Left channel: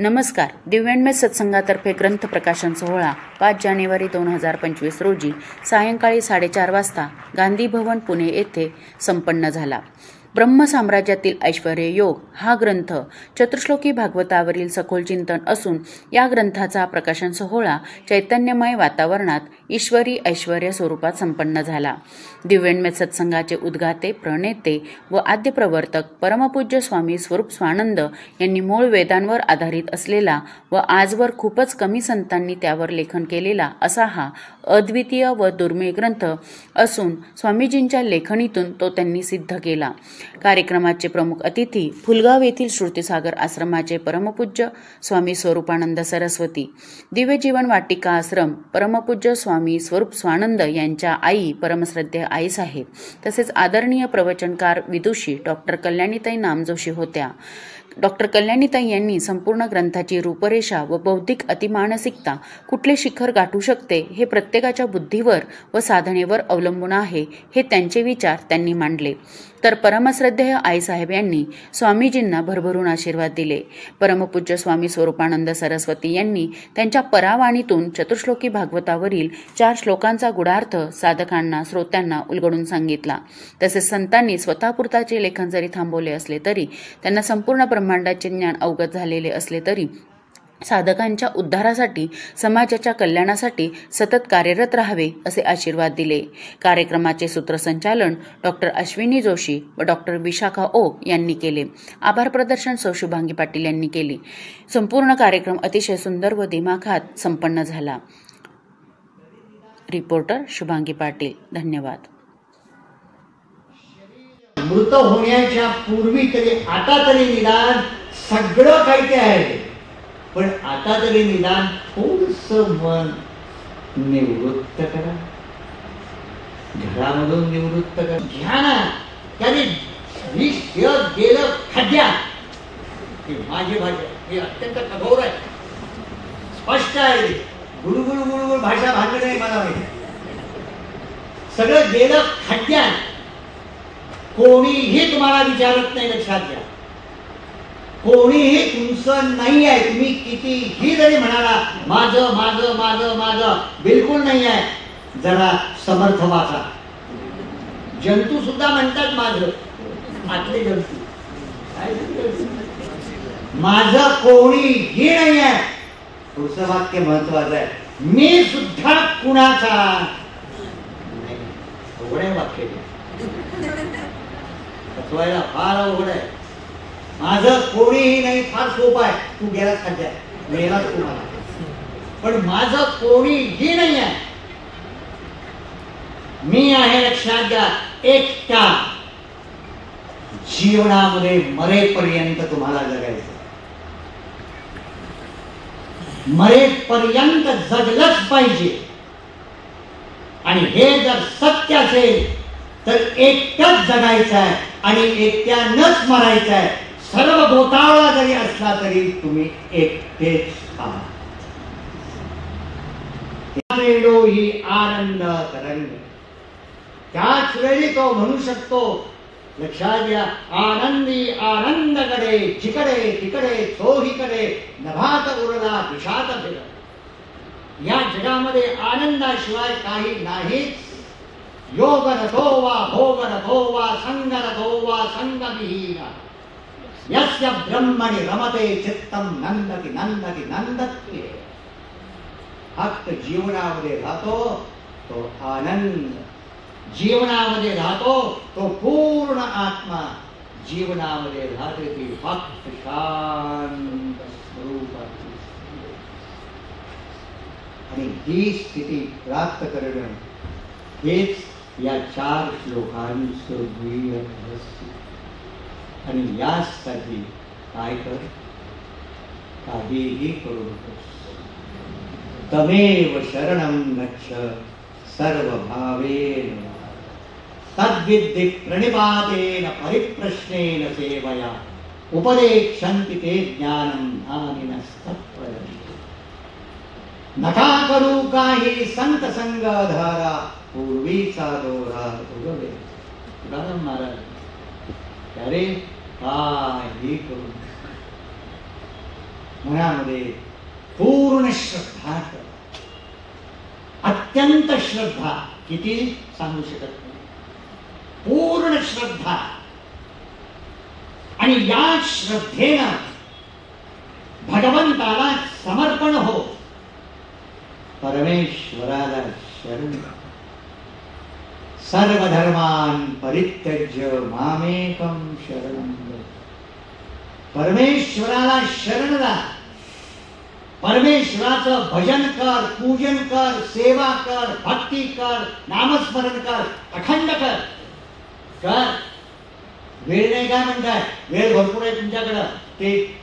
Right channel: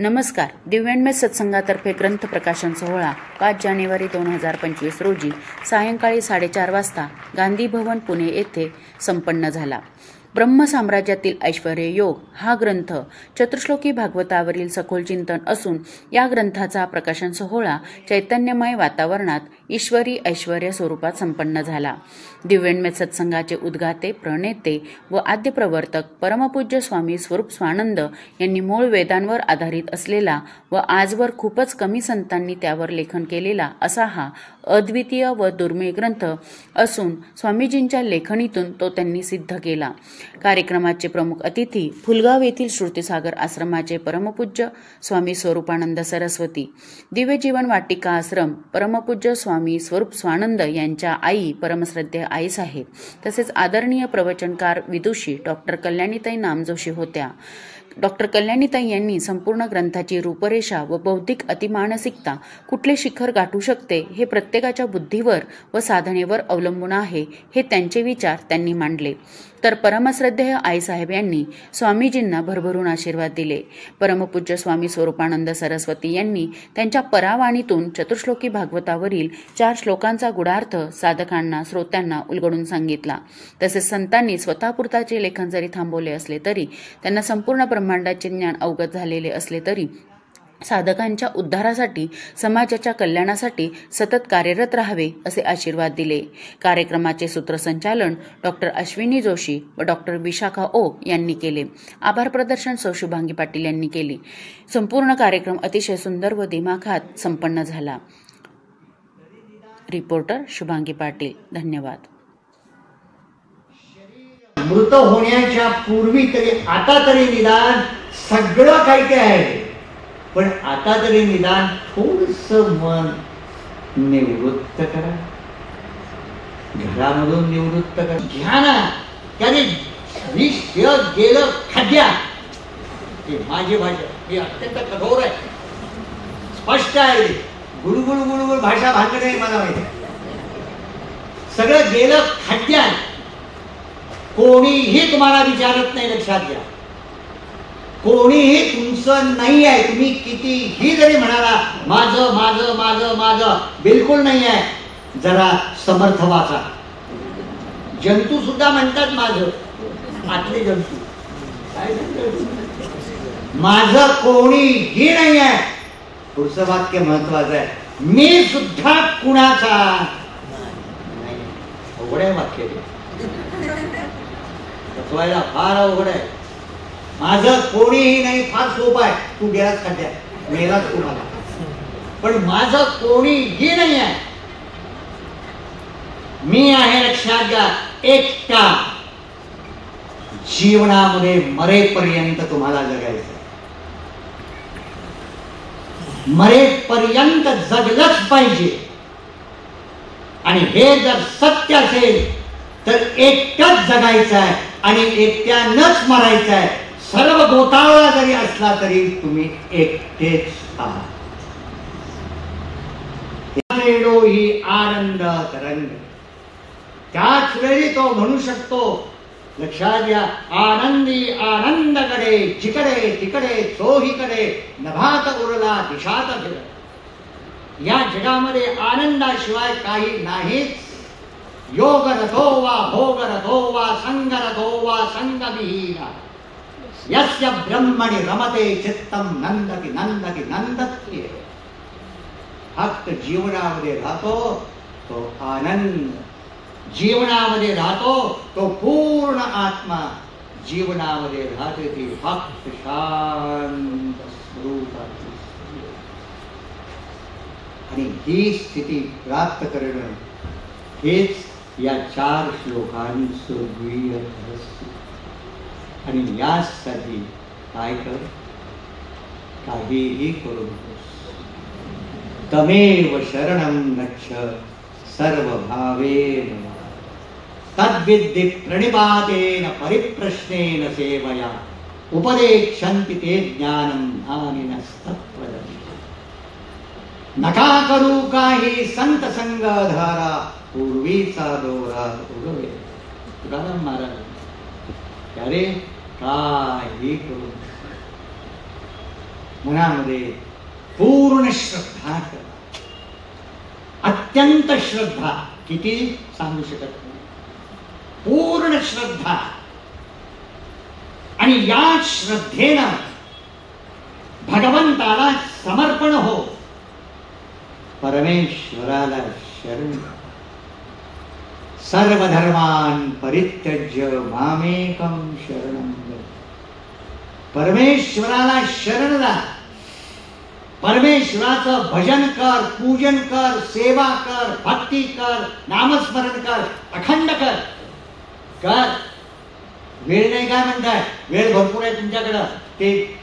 नमस्कार. दिव्यांमय सत्संगातर्फे ग्रंथ प्रकाशन सोहळा 5 जानेवारी 2025 रोजी सायंकाळी 4:30 वाजता गांधी भवन पुणे येथे संपन्न झाला. ब्रह्म साम्राज्यातील ऐश्वर्य योग हा ग्रंथ चतुश्लोकी भागवतावरील सखोल चिंतन असून या ग्रंथाचा प्रकाशन सोहळा चैतन्यमय वातावरणात ईश्वरी ऐश्वर्य स्वरूपात संपन्न झाला. दिव्यांमय सत्संगाचे उद्गाते, प्रणेते व आद्य प्रवर्तक परमपूज्य स्वामी स्वरूप स्वानंद यांनी मूळ वेदांवर आधारित असलेला व आजवर खूपच कमी संतांनी त्यावर लेखन केलेला असा हा अद्वितीय व दुर्मिळ ग्रंथ असून स्वामीजींच्या लेखणीतून तो त्यांनी सिद्ध केला. कार्यक्रमाचे प्रमुख अतिथी फुलगाव येथील श्रुतीसागर आश्रमाचे परमपूज्य स्वामी स्वरूपानंद सरस्वती, दिव्य जीवन वाटिका आश्रम परमपूज्य स्वामी स्वरूप स्वानंद यांच्या आई परमश्रद्धेय आईसाहेब, तसेच आदरणीय प्रवचनकार विदुषी डॉक्टर कल्याणीताई नामजोशी होत्या. डॉक्टर कल्याणीताई यांनी संपूर्ण ग्रंथाची रूपरेषा व बौद्धिक अतिमानसिकता कुठले शिखर गाठू शकते हे प्रत्येकाच्या बुद्धीवर व साधनेवर अवलंबून आहे हे त्यांचे विचार त्यांनी मांडले. तर परमश्रद्धेय आईसाहेब यांनी स्वामीजींना भरभरून आशीर्वाद दिले. परमपूज्य स्वामी स्वरूपानंद सरस्वती यांनी त्यांच्या परावाणीतून चतुश्लोकी भागवतावरील 4 श्लोकांचा गुढार्थ साधकांना श्रोत्यांना उलगडून सांगितला. तसेच संतांनी स्वतःपुरताचे लेखन जरी थांबवले असले तरी त्यांना संपूर्ण ब्रह्मांडाचे ज्ञान अवगत झालेले असले तरी साधकांच्या उद्धारासाठी समाजाच्या कल्याणासाठी सतत कार्यरत राहावे असे आशीर्वाद दिले. कार्यक्रमाचे सूत्रसंचालन डॉक्टर अश्विनी जोशी व डॉक्टर विशाखा ओक यांनी केले. आभार प्रदर्शन सौ शुभांगी पाटील यांनी केले. संपूर्ण कार्यक्रम अतिशय सुंदर व दिमाखात संपन्न झाला. रिपोर्टर शुभांगी पाटील. धन्यवाद. मृत होण्याच्या पूर्वी तरी आता तरी निदान सगळं काही ते आहे, पण आता तरी निदान थोडस मन निवृत्त करा, घरामधून निवृत्त करा. घ्या ना, त्याने विष गेलं खड्ड्यात. हे माझी भाषा ही अत्यंत कठोर आहे, स्पष्ट आहे. गुळगुळ गुळगुळ भाषा भागत नाही मला माहिती. सगळं गेलं खड्ड्यात. कोणीही तुम्हाला विचारत नाही, लक्षात घ्या. कोणीही तुमचं नाही आहे. तुम्ही कितीही जरी म्हणाला माझं माझं माझं माझं, बिलकुल नाही आहे. जरा समर्थ वाचा. जंतू सुद्धा म्हणतात माझं, आतले जंतू काय माझं कोणीही नाही आहे. पुढचं वाक्य महत्वाचं आहे. मी सुद्धा कुणाचा अवघड आहे वाक्य, बसवायला फार अवघड आहे. माझं कोणीही नाही फार सोपं आहे. तू गेलात खड्ड्यात, मेलाच तुम्हाला, पण माझं कोणीही नाही आहे. मी आहे, लक्षात घ्या, एकटा. जीवनामध्ये मरेपर्यंत तुम्हाला जगायचं. मरेपर्यंत जगलंच पाहिजे. आणि हे जर सत्य असेल तर एकटंच जगायचं आहे आणि एकट्यानंच मरायचं आहे. सर्व गोतावळा जरी असला तरी तुम्ही एकटेच आहात. ही आनंद तरंग. त्याच वेळी तो म्हणू शकतो, लक्षात घ्या, आनंदी आनंदकडे जिकडे तिकडे चोहीकडे नभात उरला दिशात फिर. या जगामध्ये आनंदाशिवाय काही नाहीच. योग रथो वा भोग रथो वा संग रथो वा संगविहीन यस्य ब्रह्मणि रमते चित्तम नंदति नंदति नंदति. फक्त जीवनामध्ये राहतो तो आनंद, जीवनामध्ये राहतो तो पूर्ण आत्मा, जीवनामध्ये राहते ती फक्त शांत स्वरूपाची. आणि ही स्थिती प्राप्त करणं हेच या 4 श्लोकांचं ध्येय असते. आणि यासाठी काय कर, काहीही करू नकोस. तमेव शरणं गच्छ सर्वभावेन तद्विद्धि प्रणिपातेन परिप्रश्नेन सेवया उपदेक्षन्ति ते ज्ञानं ज्ञानिनस्तत्त्वदर्शी. नका करू काही संत संग धारा, पूर्वीचा दोरा उगवे. तुकाराम महाराज त्यारे काही करू मनामध्ये पूर्ण श्रद्धा ठेवा. अत्यंत श्रद्धा, किती सांगू शकत नाही. पूर्ण श्रद्धा. आणि या श्रद्धेनं भगवंताला समर्पण हो. परमेश्वराला शरण. सर्वधर्मान परित्यज्य मामेकं शरणं व्रज. परमेश्वराला शरण जा. परमेश्वराचं भजन कर, पूजन कर, सेवा कर, भक्ती कर, नामस्मरण कर, अखंड कर. वेळ नाही काय म्हणताय? वेळ भरपूर आहे तुमच्याकडं. ते